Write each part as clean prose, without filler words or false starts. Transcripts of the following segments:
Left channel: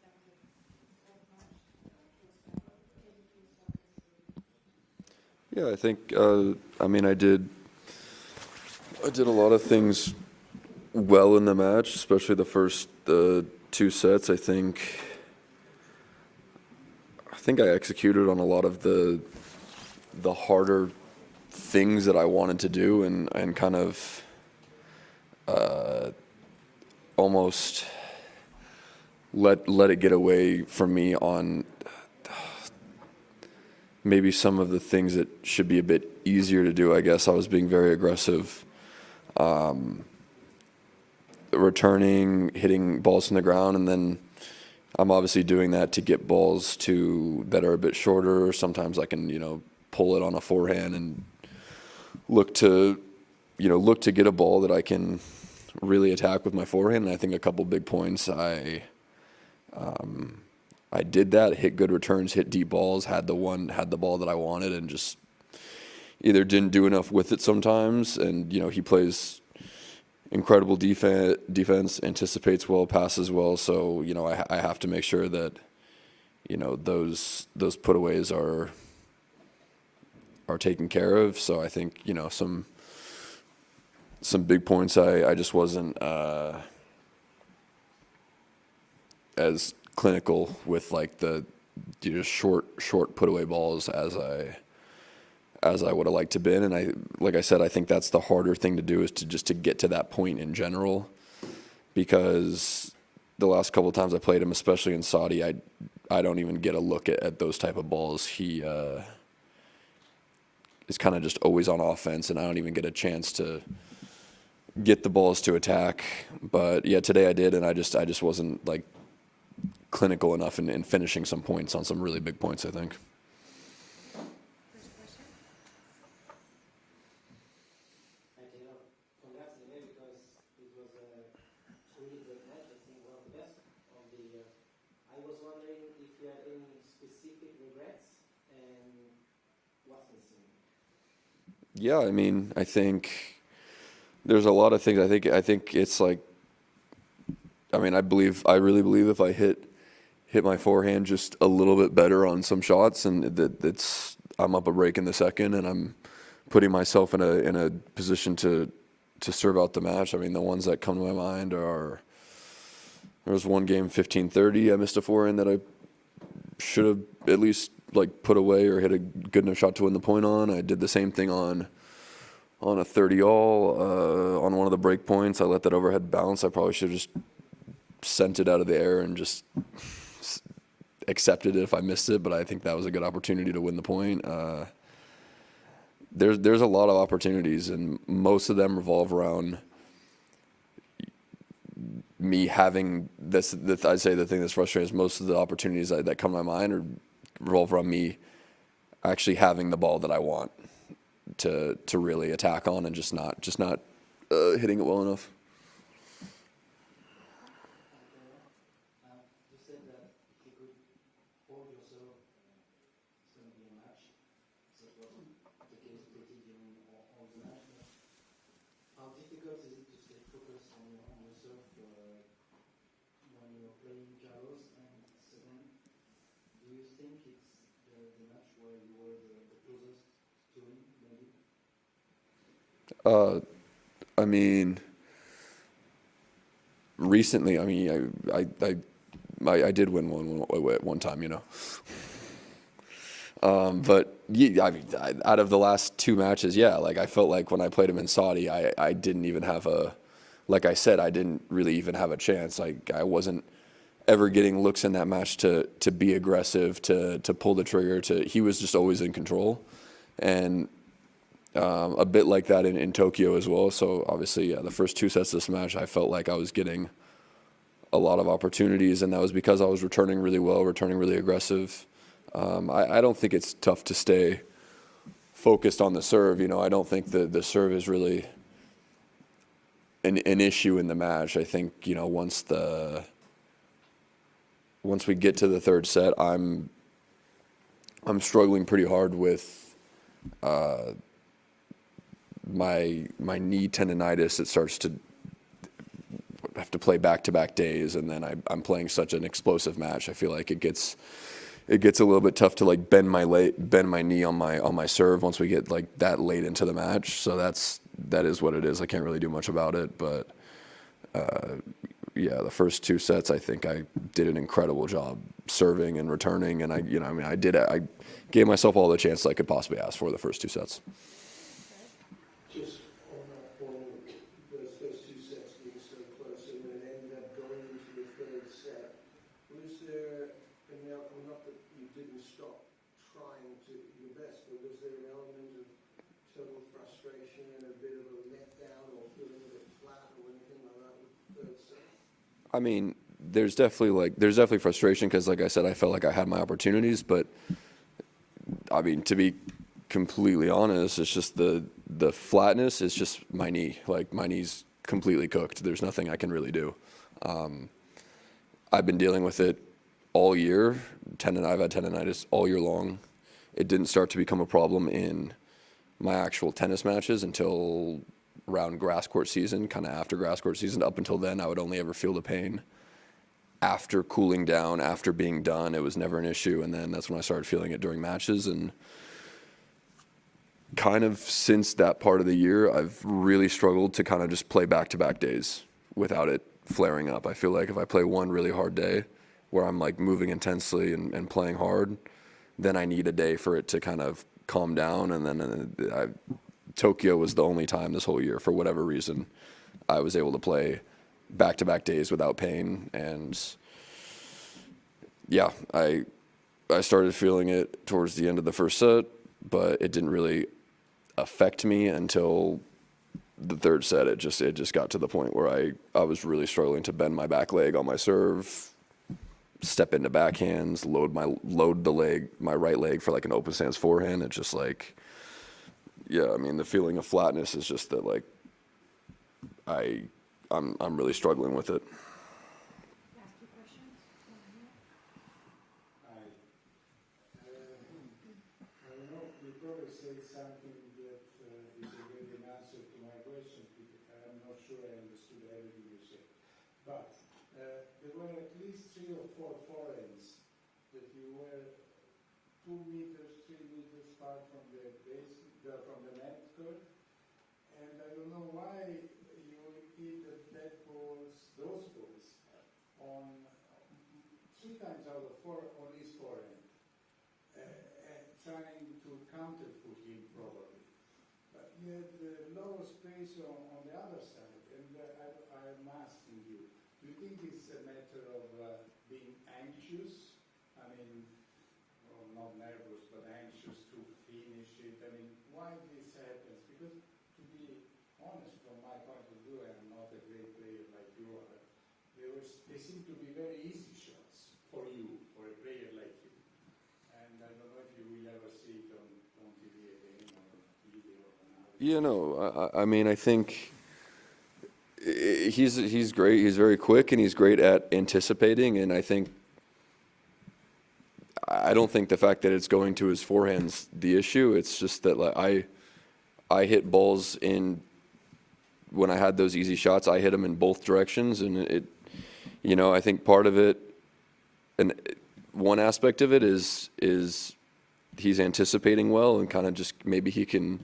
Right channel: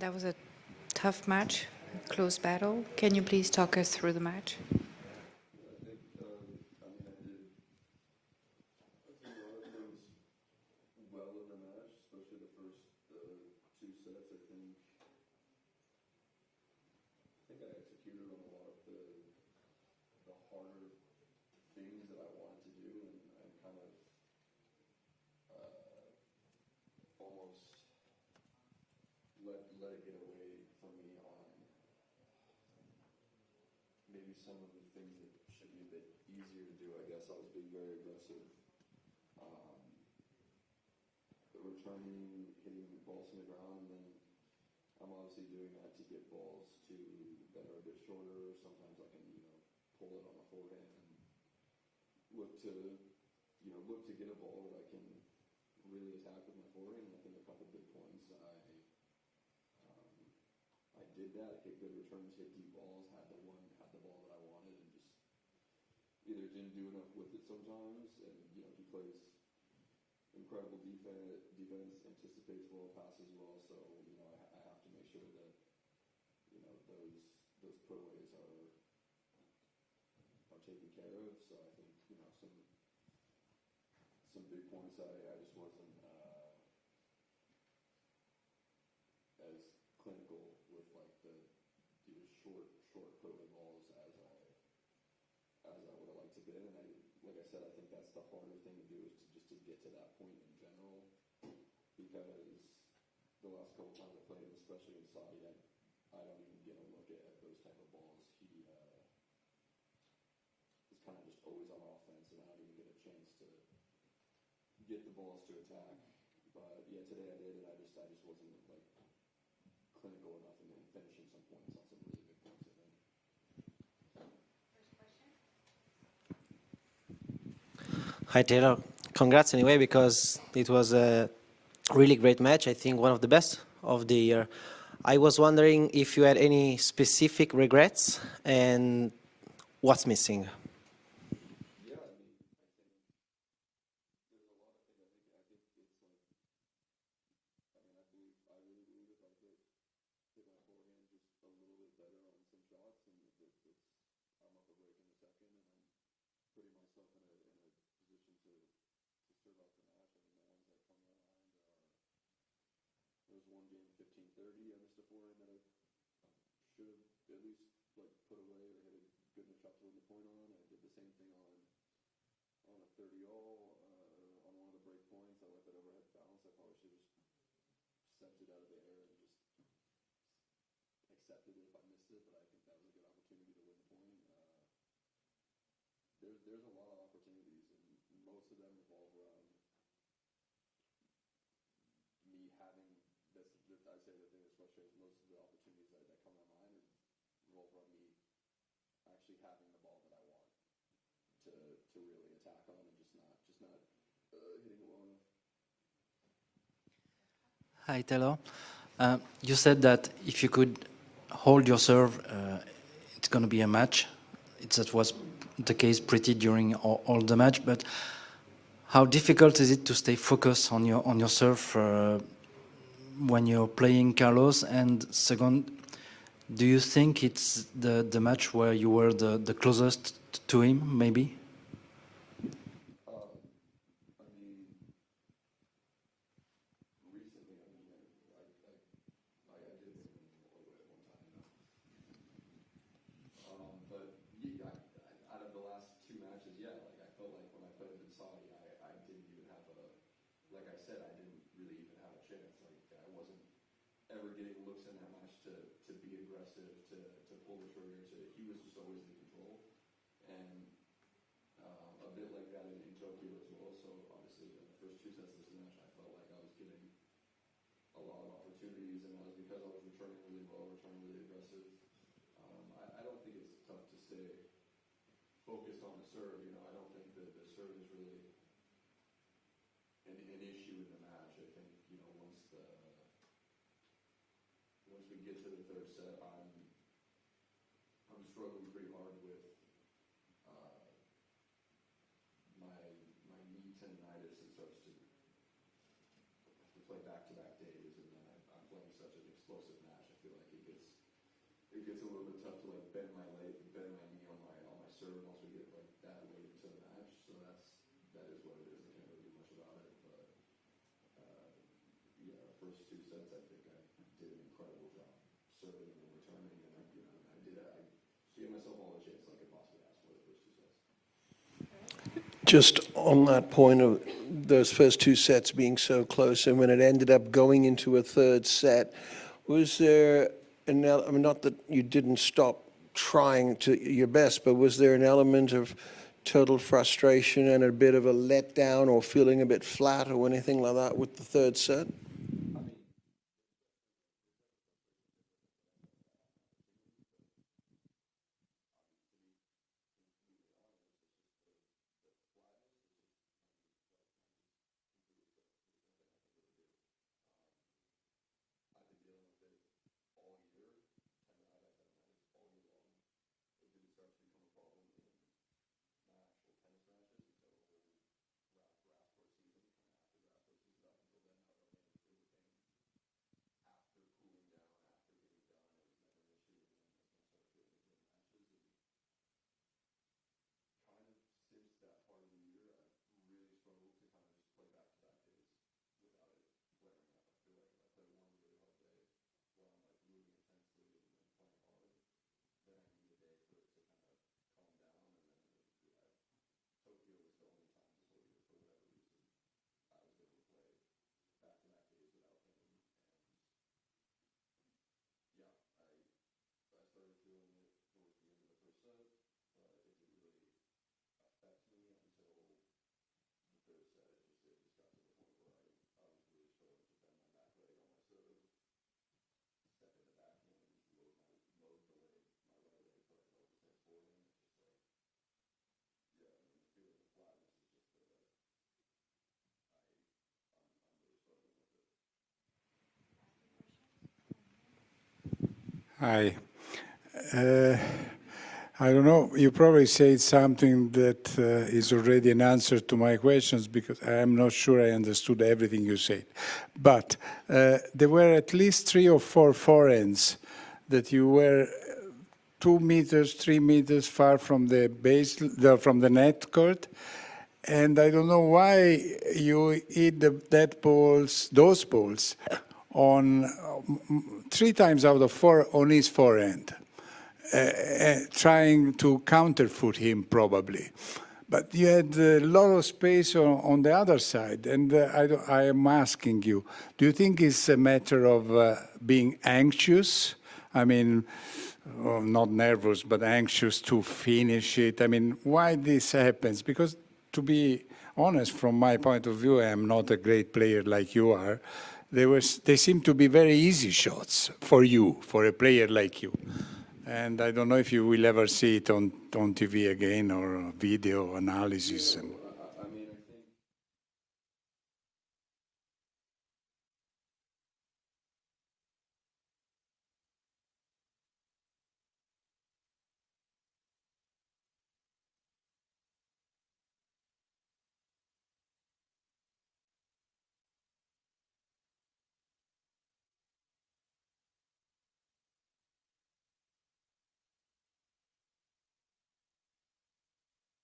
That was a tough match, close battle. Can you please talk us through the match? Yeah, I think, I mean, I did a lot of things well in the match, especially the first two sets. I think I executed on a lot of the harder things that I wanted to do, and kind of almost let it get away from me on maybe some of the things that should be a bit easier to do. I guess I was being very aggressive, returning, hitting balls from the ground, and then I'm obviously doing that to get balls that are a bit shorter. Sometimes I can, pull it on a forehand and look to get a ball that I can really attack with my forehand. And I think a couple big points, I did that, hit good returns, hit deep balls, had the ball that I wanted, and just either didn't do enough with it sometimes. And he plays incredible defense, anticipates well, passes well. So I have to make sure that those putaways are taken care of. So I think some big points I just wasn't as clinical with, like, the short put away balls as I would have liked to been. And like I said, I think that's the harder thing to do, is to get to that point in general, because the last couple of times I played him, especially in Saudi, I don't even get a look at those type of balls. He is kind of just always on offense, and I don't even get a chance to get the balls to attack. But yeah, today I did, and I just wasn't, like, clinical enough in finishing some points on some really big points, I think. Hi, Taylor. Congrats anyway, because it was a really great match. I think one of the best of the year. I was wondering if you had any specific regrets and what's missing. Yeah, I mean, I think there's a lot of things. I think it's like, I mean, I really believe if I hit my forehand just a little bit better on some shots, and I'm up a break in the second, and I'm putting myself in a position to serve out the match. I mean, the ones that come to my mind are, there was one game, 15-30, I missed a forehand that I should have at least, like, put away or hit a good enough shot to win the point on. I did the same thing on a 30-all on one of the break points. I let that overhead bounce. I probably should have just sent it out of the air and just accepted it if I missed it, but I think that was a good opportunity to win the point. There's a lot of opportunities, and most of them revolve around me having this. I'd say the thing that's frustrating is most of the opportunities that come to my mind revolve around me actually having the ball that I want to really attack on, and just not hitting it well enough. Hi, Taylor. You said that if you could hold your serve, it's going to be a match. That was the case pretty during all the match. But how difficult is it to stay focused on your serve when you're playing Carlos? And second, do you think it's the match where you were the closest to him, maybe? I mean, recently, I mean, I did win one time, but yeah, I mean, out of the last two matches, yeah, like, I felt like when I played him in Saudi, I didn't even have like I said, I didn't really even have a chance. Like, I wasn't ever getting looks in that match to be aggressive, to pull the trigger. He was just always in control, and a bit like that in Tokyo as well. So obviously, yeah, the first two sets of this match, I felt like I was getting a lot of opportunities, and that was because I was returning really well, returning really aggressive. I don't think it's tough to stay focused on the serve. I don't think the serve is really an issue in the match. I think, once we get to the third set, I'm struggling pretty hard with my knee tendonitis. It starts to have to play back-to-back days, and then I'm playing such an explosive match. I feel like it gets a little bit tough to like bend my knee on my serve once we get like that late into the match. So that is what it is. I can't really do much about it, but yeah, the first two sets I think I did an incredible job serving and returning, and I gave myself all the chances I could possibly ask for the first two sets. Just on that point of those first two sets being so close, and when it ended up going into a third set, was there I mean, not that you didn't stop trying to your best, but was there an element of total frustration and a bit of a letdown or feeling a bit flat or anything like that with the third set? I mean, there's definitely frustration because, like I said, I felt like I had my opportunities, but I mean, to be completely honest, it's just the flatness is just my knee. Like, my knee's completely cooked. There's nothing I can really do. I've been dealing with it all year. I've had tendonitis all year long. It didn't start to become a problem in my actual tennis matches until around grass court season, kind of after grass court season. Up until then, I would only ever feel the pain after cooling down, after being done. It was never an issue, and then that's when I started feeling it during matches. And kind of since that part of the year, I've really struggled to kind of just play back-to-back days without it flaring up. I feel like if I play one really hard day where I'm like moving intensely and playing hard, then I need a day for it to kind of calm down. And then Tokyo was the only time this whole year, for whatever reason, I was able to play back-to-back days without pain. And yeah, I started feeling it towards the end of the first set, but it didn't really affect me until the third set. It just got to the point where I was really struggling to bend my back leg on my serve, step into backhands, load my right leg for like an open stance forehand. It's just like, yeah, I mean, the feeling of flatness is just that, like, I'm really struggling with it. Hi. I don't know, you probably said something that is already an answer to my questions, because I'm not sure I understood everything you said. But there were at least 3 or 4 forehands that you were 2 meters, 3 meters far from the base, from the net court. And I don't know why you hit those balls on 3 times out of 4 on his forehand. Trying to counterfoot him, probably. But you had a lot of space on the other side, and I am asking you, do you think it's a matter of being anxious? I mean, not nervous, but anxious to finish it. I mean, why this happens? Because, to be honest, from my point of view, I am not a great player like you are. They seem to be very easy shots for you, for a player like you. And I don't know if you will ever see it on TV again, or video analysis. I mean, I think he's great. He's very quick, and he's great at anticipating. And I don't think the fact that it's going to his forehand's the issue. It's just that, like, I hit balls when I had those easy shots, I hit them in both directions, and I think part of it, and one aspect of it is he's anticipating well, and kind of just maybe he can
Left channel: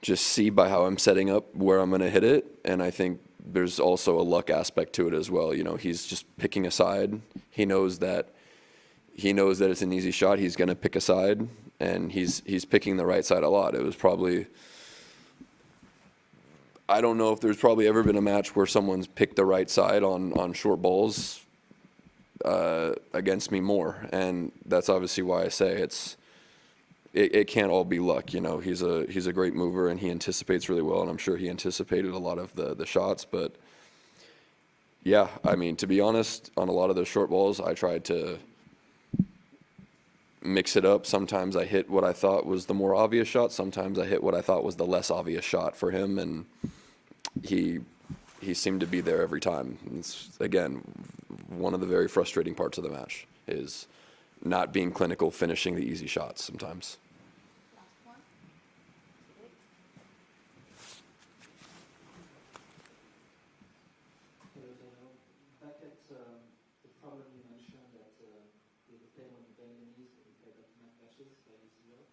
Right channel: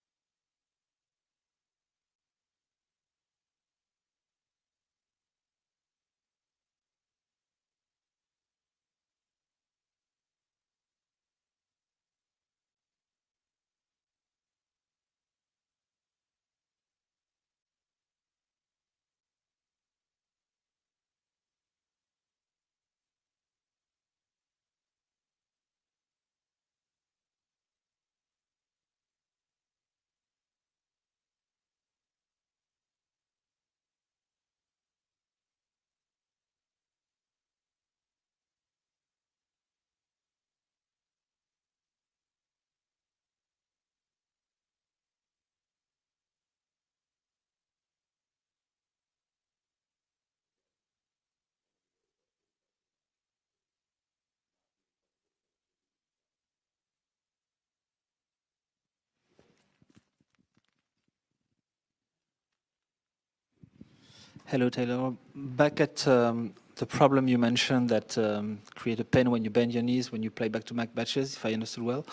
just see by how I'm setting up where I'm going to hit it. And I think there's also a luck aspect to it as well. He's just picking a side. He knows that it's an easy shot. He's going to pick a side, and he's picking the right side a lot. It was probably, I don't know if there's probably ever been a match where someone's picked the right side on short balls against me more, and that's obviously why I say it can't all be luck. He's a great mover, and he anticipates really well, and I'm sure he anticipated a lot of the shots. But yeah, I mean, to be honest, on a lot of those short balls, I tried to mix it up. Sometimes I hit what I thought was the more obvious shot. Sometimes I hit what I thought was the less obvious shot for him, and he seemed to be there every time. It's, again, one of the very frustrating parts of the match is not being clinical, finishing the easy shots sometimes. Hello, Taylor. Back at the problem you mentioned that create a pain when you bend your knees when you play back-to-back matches, if I understood well.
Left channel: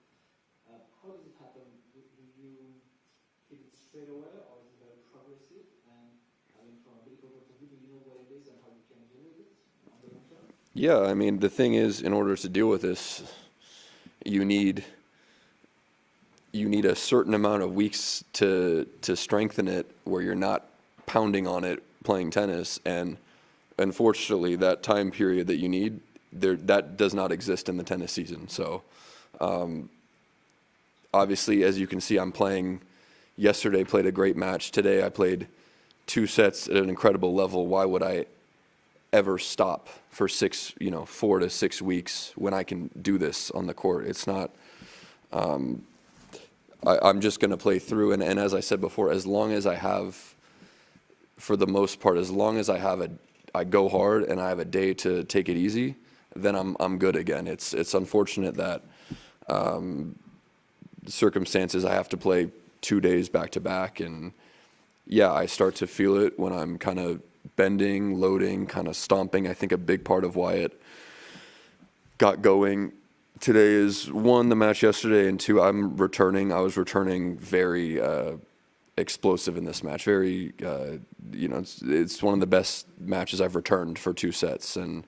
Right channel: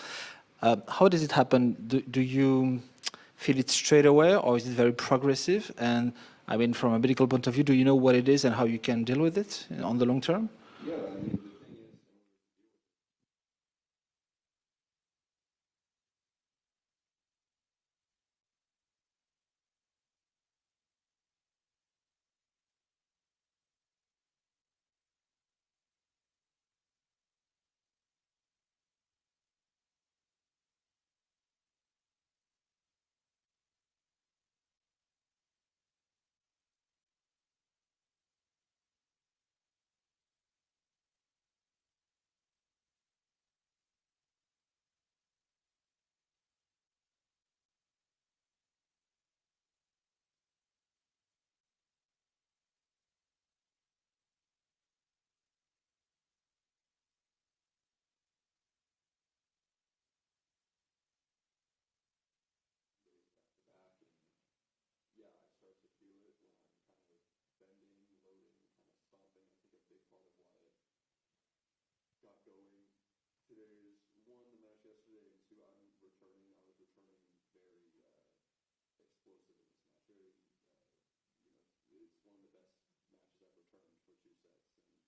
How does it happen? Do you feel it straight away, or is it very progressive? And I mean, from a medical point of view, do you know what it is and how you can deal with it on the long term? Yeah, I mean, the thing is, in order to deal with this, you need a certain amount of weeks to strengthen it where you're not pounding on it playing tennis, and unfortunately that time period that you need that does not exist in the tennis season. So obviously, as you can see, I'm playing yesterday, played a great match. Today I played 2 sets at an incredible level. Why would I ever stop for 4 to 6 weeks when I can do this on the court? It's not I'm just going to play through, and as I said before, as long as I have, for the most part, as long as I go hard and I have a day to take it easy, then I'm good again. It's unfortunate that circumstances I have to play 2 days back to back, and yeah, I start to feel it when I'm kind of bending, loading, kind of stomping. I think a big part of why it got going today is, 1, the match yesterday, and 2, I was returning very explosive in this match. Very, it's one of the best matches I've returned for 2 sets, and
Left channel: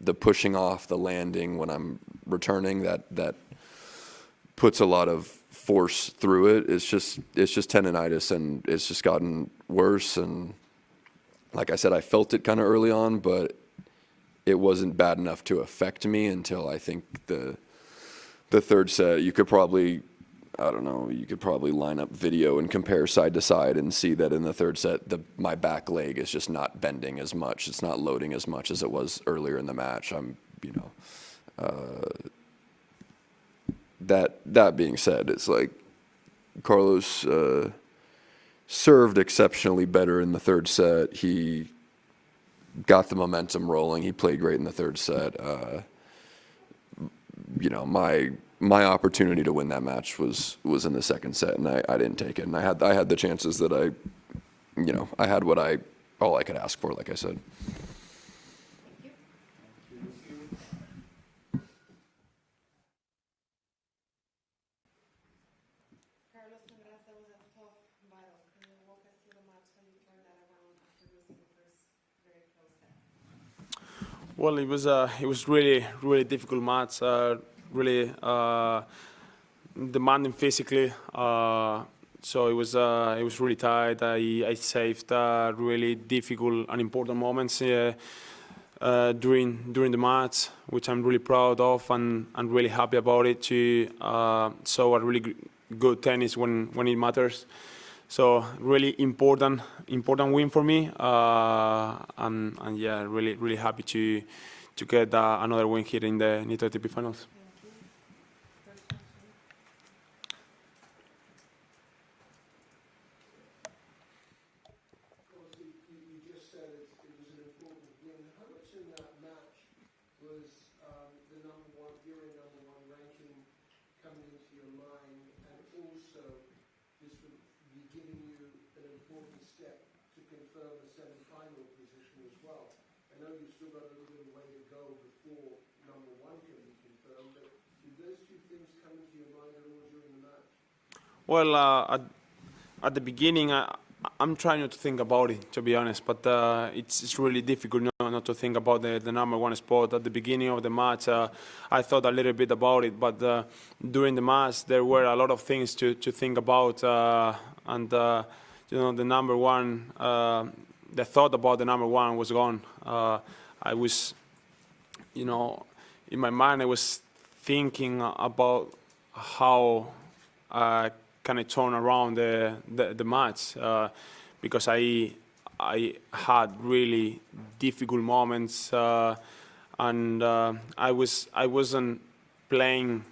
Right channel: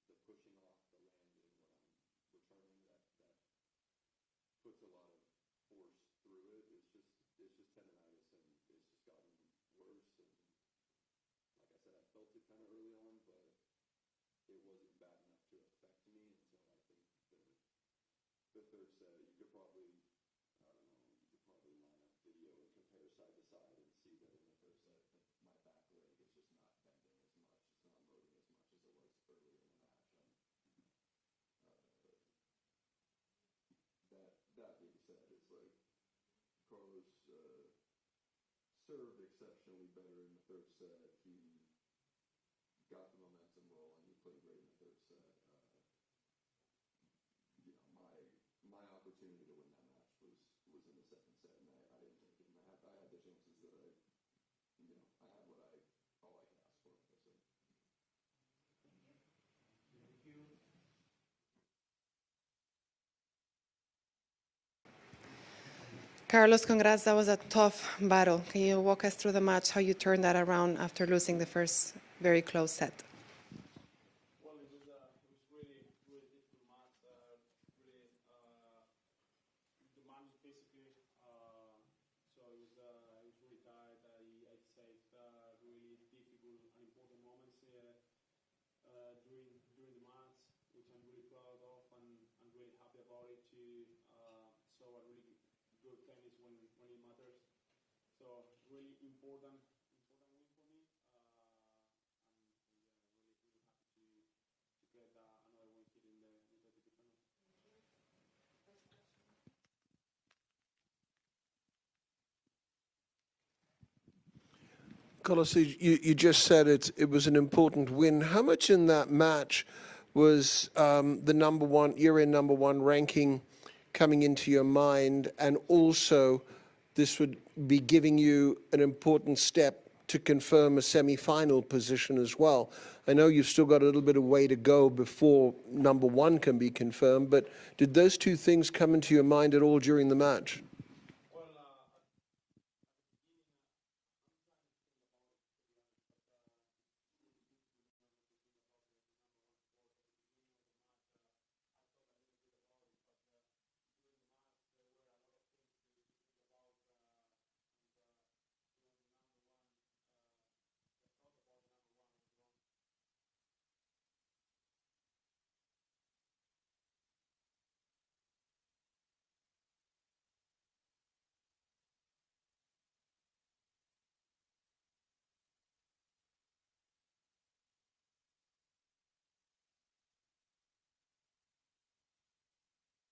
the pushing off, the landing when I'm returning, that puts a lot of force through it. It's just tendonitis, and it's just gotten worse. And like I said, I felt it kind of early on, but it wasn't bad enough to affect me until I think the 3rd set. You could probably, I don't know, you could probably line up video and compare side to side and see that in the 3rd set, my back leg is just not bending as much. It's not loading as much as it was earlier in the match. That being said, it's like Carlos served exceptionally better in the 3rd set. He got the momentum rolling. He played great in the 3rd set. My opportunity to win that match was in the 2nd set, and I didn't take it. And I had the chances that I had all I could ask for, like I said. Carlos, congrats. That was a tough battle. Can you walk us through the match, how you turned that around after losing the first very close set? Well, it was really, really difficult match. Really demanding physically. So it was really tight. I saved really difficult and important moments during the match, which I'm really proud of and really happy about it. To show a really good tennis when it matters. So really important win for me. And yeah, really happy to get another win here in the Nitto ATP finals. Carlos, you just said it was an important win. How much in that match was the number one ranking coming into your mind, and also this would be giving you an important step to confirm a semi-final position as well? I know you've still got a little bit of way to go before number 1 can be confirmed, but did those 2 things come into your mind at all during the match? Well, at the beginning, I'm trying not to think about it, to be honest, but it's really difficult not to think about the number 1 spot. At the beginning of the match, I thought a little bit about it, but during the match, there were a lot of things to think about, and the number 1, the thought about the number 1 was gone. I was, in my mind, I was thinking about how can I turn around the match, because I had really difficult moments, and I wasn't playing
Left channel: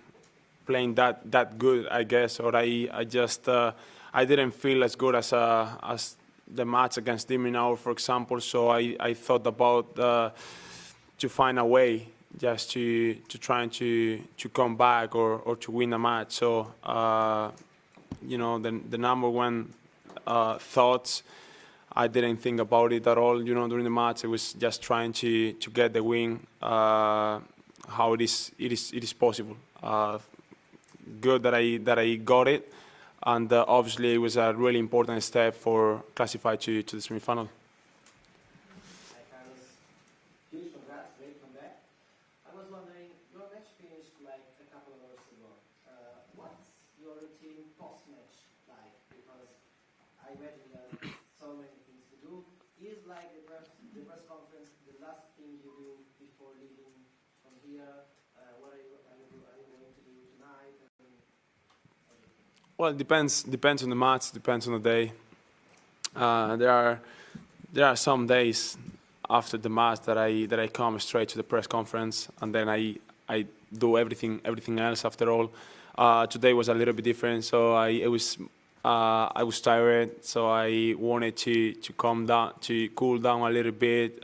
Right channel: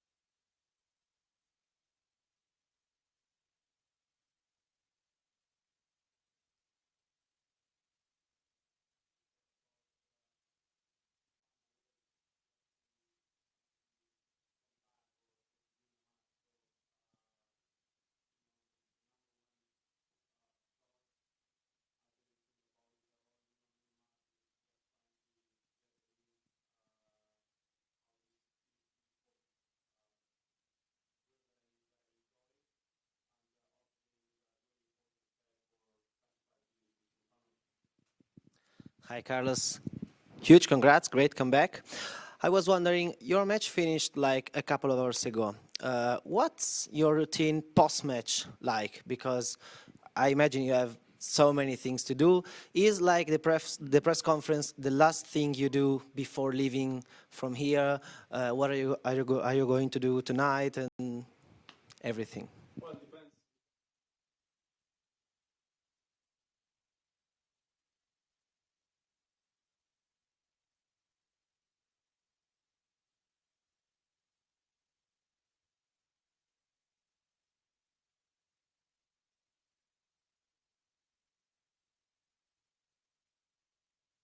that good, I guess, or I just I didn't feel as good as the match against Diminau, for example. So I thought about to find a way just to try to come back or to win a match. So the number 1 thoughts I didn't think about it at all, during the match. I was just trying to get the win, how it is possible. Good that I got it, and obviously it was a really important step for classify to the semifinal. Hi, Carlos. Huge congrats, great comeback. I was wondering, your match finished like a couple of hours ago. What's your routine post-match like? Because I imagine you have so many things to do. Is like the press conference the last thing you do before leaving from here? What are you going to do tonight and everything? Well, it depends on the match, depends on the day. There are some days after the match that I come straight to the press conference, and then I do everything else after all. Today was a little bit different, so I was tired, so I wanted to calm down, to cool down a little bit,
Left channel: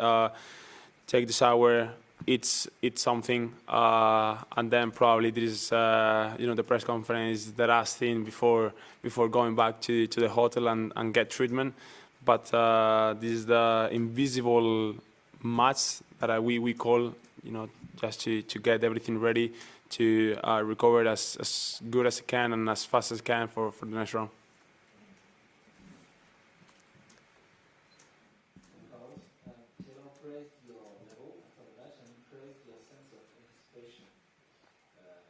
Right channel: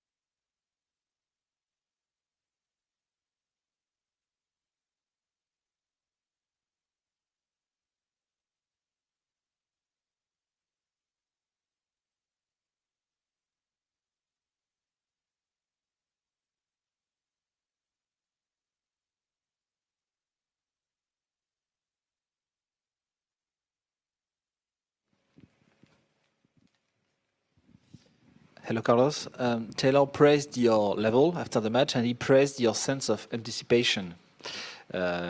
take the shower, eat something, and then probably this is the press conference, the last thing before going back to the hotel and get treatment. But this is the invisible match that we call, just to get everything ready to recover as good as I can and as fast as I can for the next round. Hello, Carlos. Taylor praised your level after the match, and he praised your sense of anticipation.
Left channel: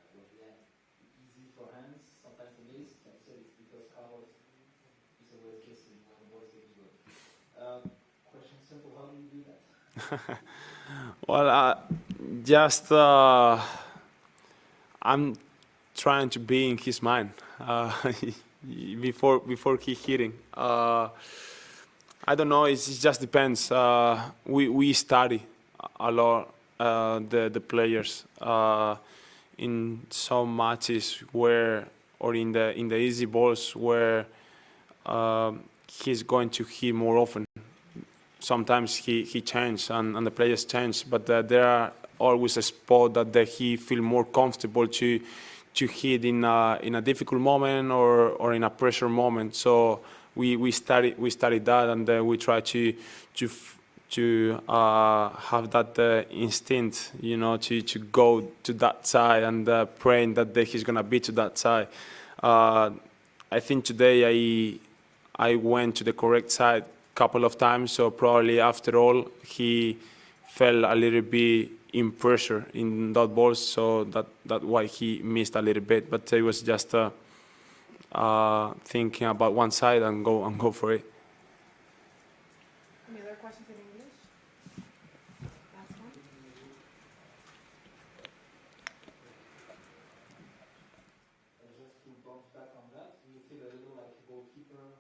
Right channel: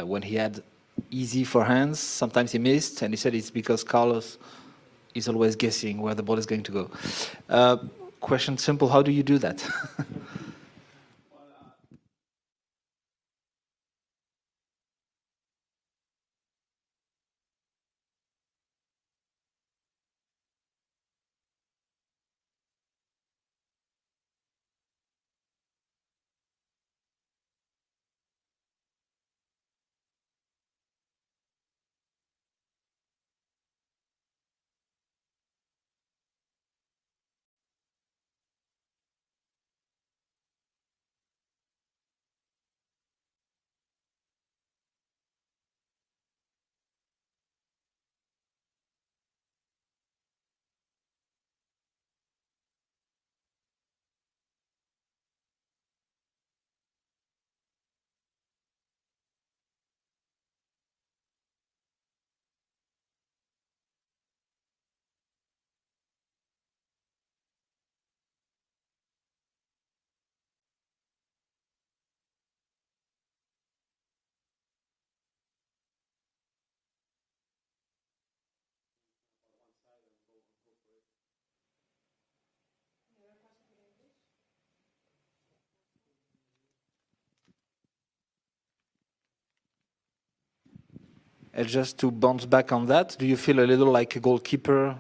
When he had easy forehands, sometimes he missed, and he said it's because Carlos is always guessing where the ball is going to go. Question simple, how do you do that? Well, just I'm trying to be in his mind before he hitting. I don't know. It just depends. We study a lot the players in some matches where, or in the easy balls where he's going to hit more often. Sometimes he changes and the players change, but there are always a spot that he feel more comfortable to hit in a difficult moment or in a pressure moment. So we study that, and we try to have that instinct, to go to that side and praying that he's gonna be to that side. I think today I went to the correct side a couple of times, so probably after all he fell a little bit in pressure in that ball, so that's why he missed a little bit. But it was just thinking about one side and go for it. Any other questions in English? Last one. And just to bounce back on that, do you feel a little like a goalkeeper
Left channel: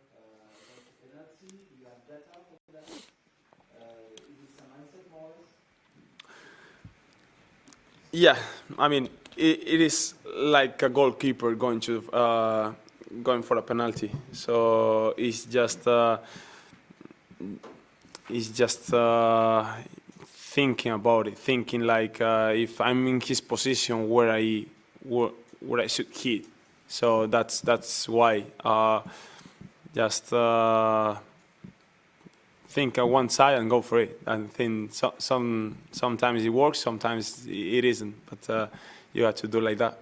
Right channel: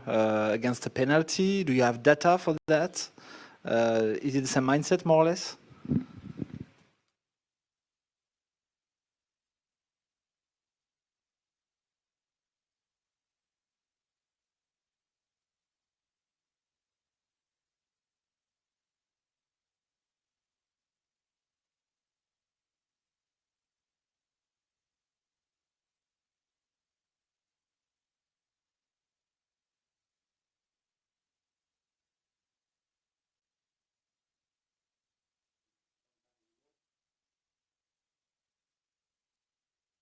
against a penalty? Do you have data for that? Is it the same mindset, more or less? Yeah, I mean, it is like a goalkeeper going for a penalty. So it's just thinking about it, thinking like if I'm in his position where I should hit. So that's why just think on one side and go for it. And think sometimes it works, sometimes it isn't. But you have to do like that.